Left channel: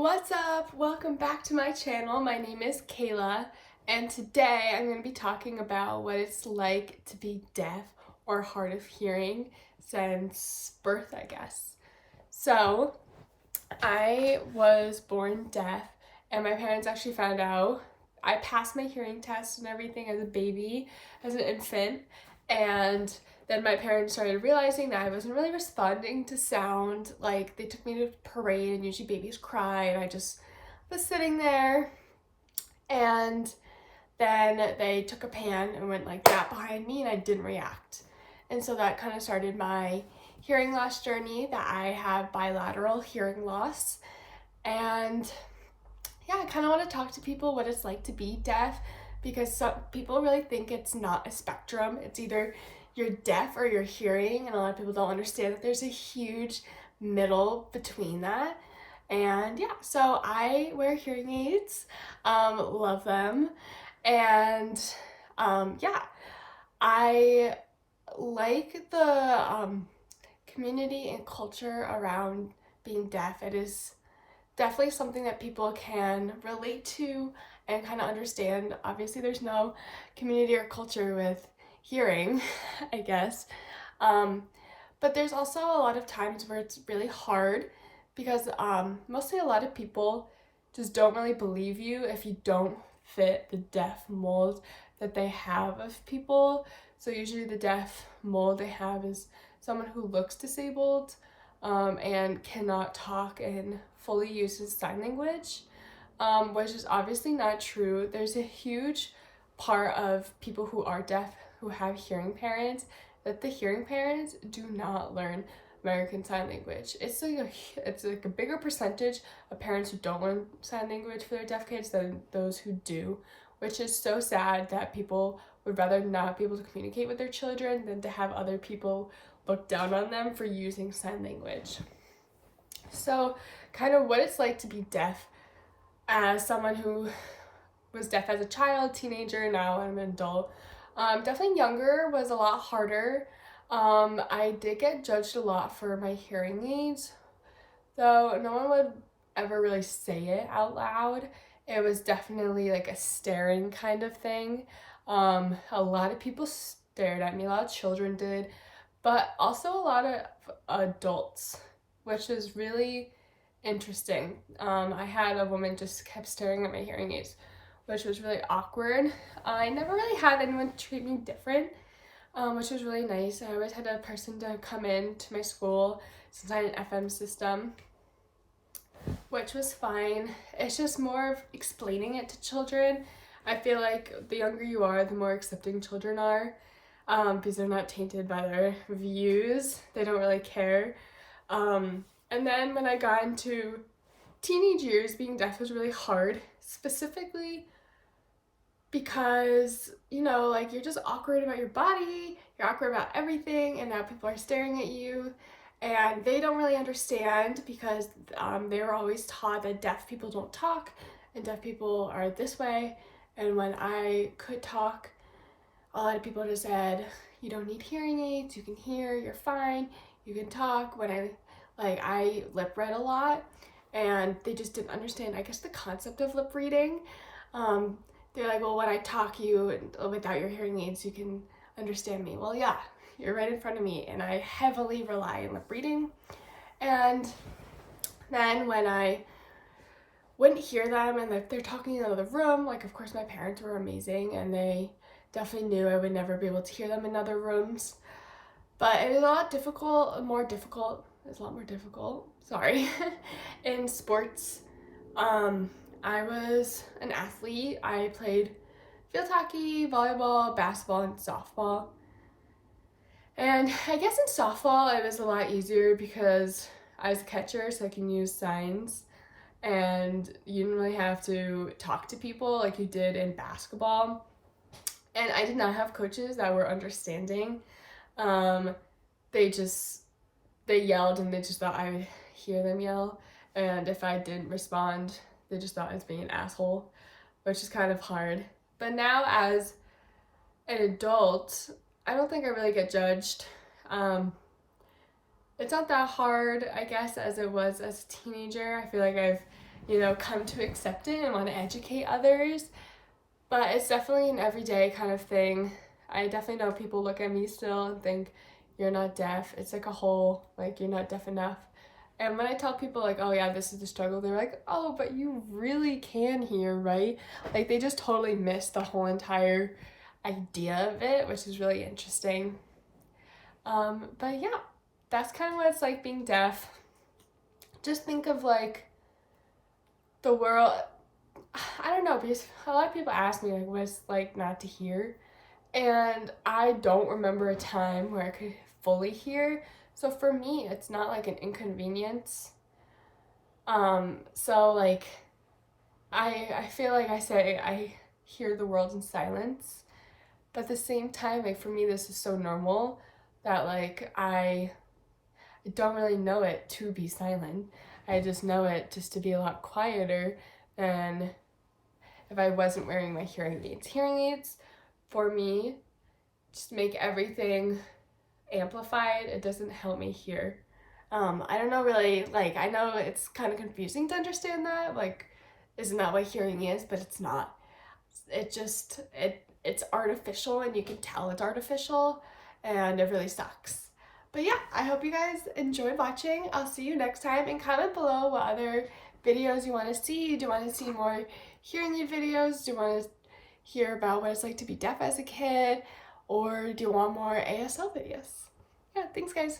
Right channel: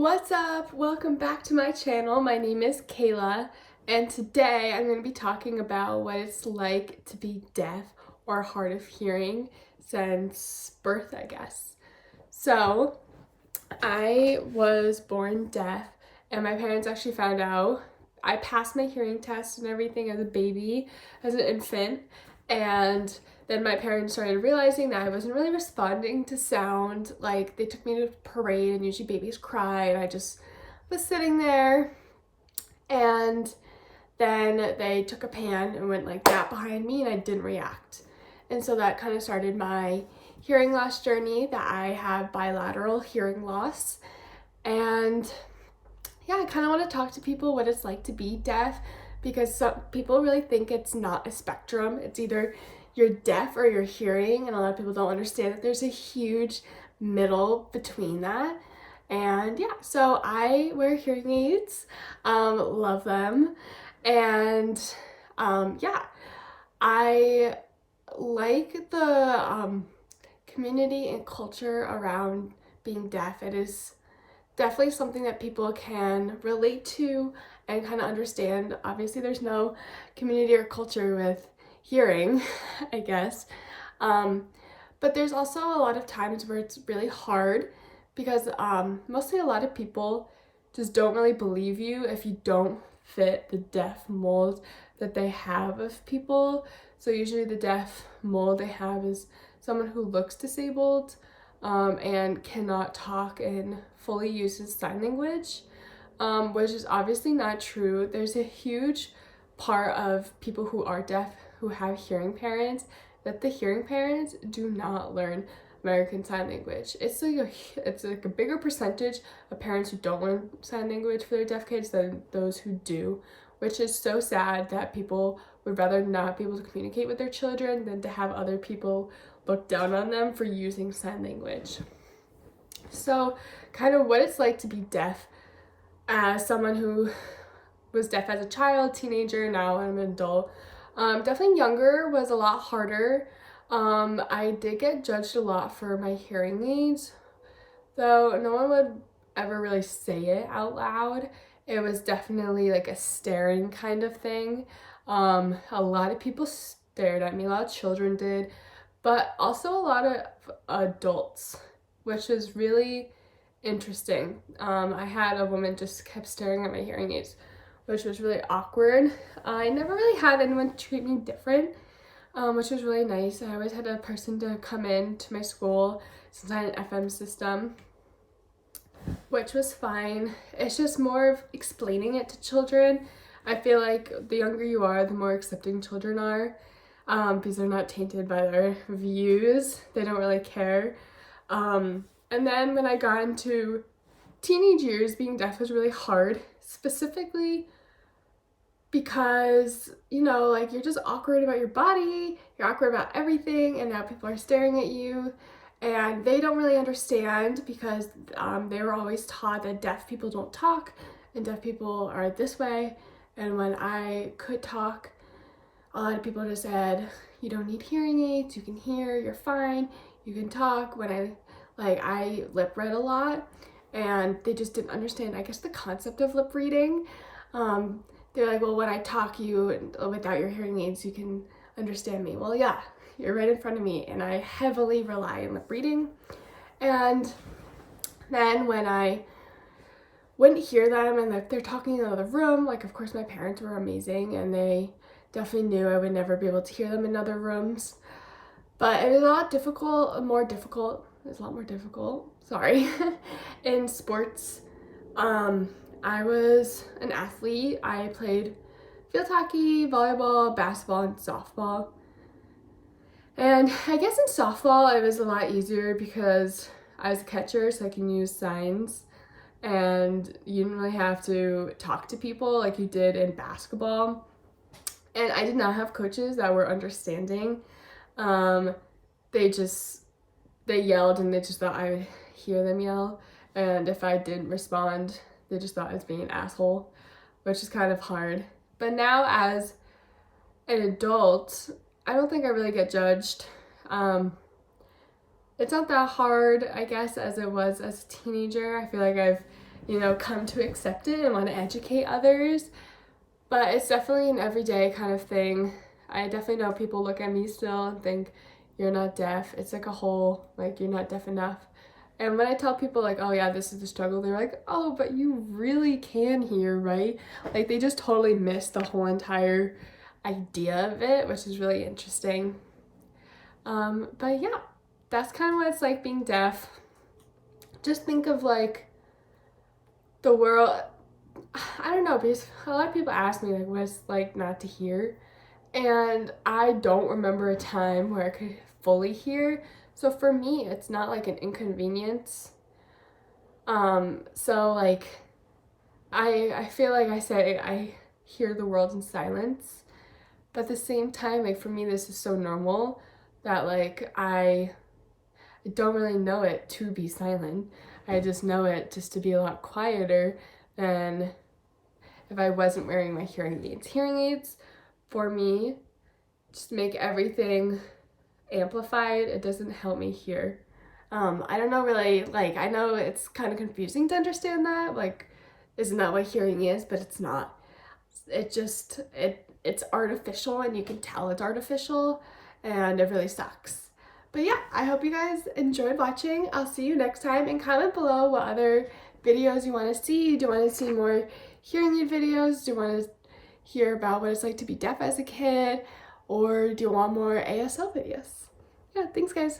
What's up? Welcome back to my channel. My name is Kayla, and today I'm going to be talking about what it's like to be deaf or hard of hearing since birth, I guess. So, I was born deaf, and my parents actually found out. I passed my hearing test and everything as a baby, as an infant, and then my parents started realizing that I wasn't really responding to sound. Like, they took me to parade, and usually babies cry, and I just was sitting there, and then they took a pan and went like that behind me, and I didn't react. And so that kind of started my hearing loss journey, that I have bilateral hearing loss. And yeah, I kind of want to talk to people what it's like to be deaf, because some people really think it's not a spectrum. It's either you're deaf or you're hearing, and a lot of people don't understand that there's a huge middle between that. And yeah, so I wear hearing aids, love them, and yeah, I like the community and culture around being deaf. It is definitely something that people can relate to and kind of understand. Obviously, there's no community or culture with hearing, I guess. But there's also a lot of times where it's really hard because mostly a lot of people just don't really believe you if you don't fit the deaf mold that they have of people. So usually the deaf mold they have is someone who looks disabled and cannot talk and fully uses sign language, which is obviously not true. There's a huge part of people who are deaf who have hearing parents that the hearing parents do not learn American Sign Language. It's like a bigger percentage of parents who don't learn sign language for their deaf kids than those who do, which is so sad that people would rather not be able to communicate with their children than to have other people look down on them for using sign language. So, kind of what it's like to be deaf as someone who was deaf as a child, teenager, now I'm an adult. Definitely younger was a lot harder. I did get judged a lot for my hearing aids, though no one would ever really say it out loud. It was definitely like a staring kind of thing. A lot of people stared at me, a lot of children did, but also a lot of adults, which was really interesting. I had a woman just kept staring at my hearing aids, which was really awkward. I never really had anyone treat me different, which was really nice. I always had a person to come in to my school since I had an FM system, which was fine. It's just more of explaining it to children. I feel like the younger you are, the more accepting children are, because they're not tainted by their views. They don't really care. And then when I got into teenage years, being deaf was really hard, specifically because, like, you're just awkward about your body, you're awkward about everything, and now people are staring at you, and they don't really understand because they were always taught that deaf people don't talk, and deaf people are this way, and when I could talk, a lot of people just said, you don't need hearing aids, you can hear, you're fine, you can talk. When I lip read a lot, and they just didn't understand, I guess, the concept of lip reading. They're like, well, when I talk you without your hearing aids, you can understand me. Well, yeah, you're right in front of me, and I heavily rely on lip reading. And then when I wouldn't hear them, and if they're talking in another room, like, of course, my parents were amazing, and they definitely knew I would never be able to hear them in other rooms. But it was a lot more difficult, sorry, in sports. I was an athlete. I played field hockey, volleyball, basketball, and softball. And I guess in softball it was a lot easier because I was a catcher, so I can use signs, and you didn't really have to talk to people like you did in basketball. And I did not have coaches that were understanding. They yelled, and they just thought I would hear them yell. And if I didn't respond, they just thought I was being an asshole, which is kind of hard. But now as an adult, I don't think I really get judged. It's not that hard, I guess, as it was as a teenager. I feel like I've you know, come to accept it and want to educate others. But it's definitely an everyday kind of thing. I definitely know people look at me still and think, you're not deaf. It's like a whole, like, you're not deaf enough. And when I tell people, like, oh yeah, this is the struggle, they're like, oh, but you really can hear, right? Like, they just totally miss the whole entire idea of it, which is really interesting. But yeah, that's kind of what it's like being deaf. Just think of, like, the world. I don't know, because a lot of people ask me, like, what it's like not to hear. And I don't remember a time where I could fully hear. So for me, it's not like an inconvenience. So like, I feel like I say I hear the world in silence. But at the same time, like for me, this is so normal that like I don't really know it to be silent. I just know it just to be a lot quieter than if I wasn't wearing my hearing aids. Hearing aids, for me, just make everything amplified. It doesn't help me hear. I don't know really, like, I know it's kind of confusing to understand that, like, isn't that what hearing is? But it's not. It just, it's artificial, and you can tell it's artificial, and it really sucks. But yeah, I hope you guys enjoyed watching. I'll see you next time, and comment below what other videos you want to see. Do you want to see more hearing aid videos? Do you want to hear about what it's like to be deaf as a kid? Or do you want more ASL videos? Yeah, thanks guys.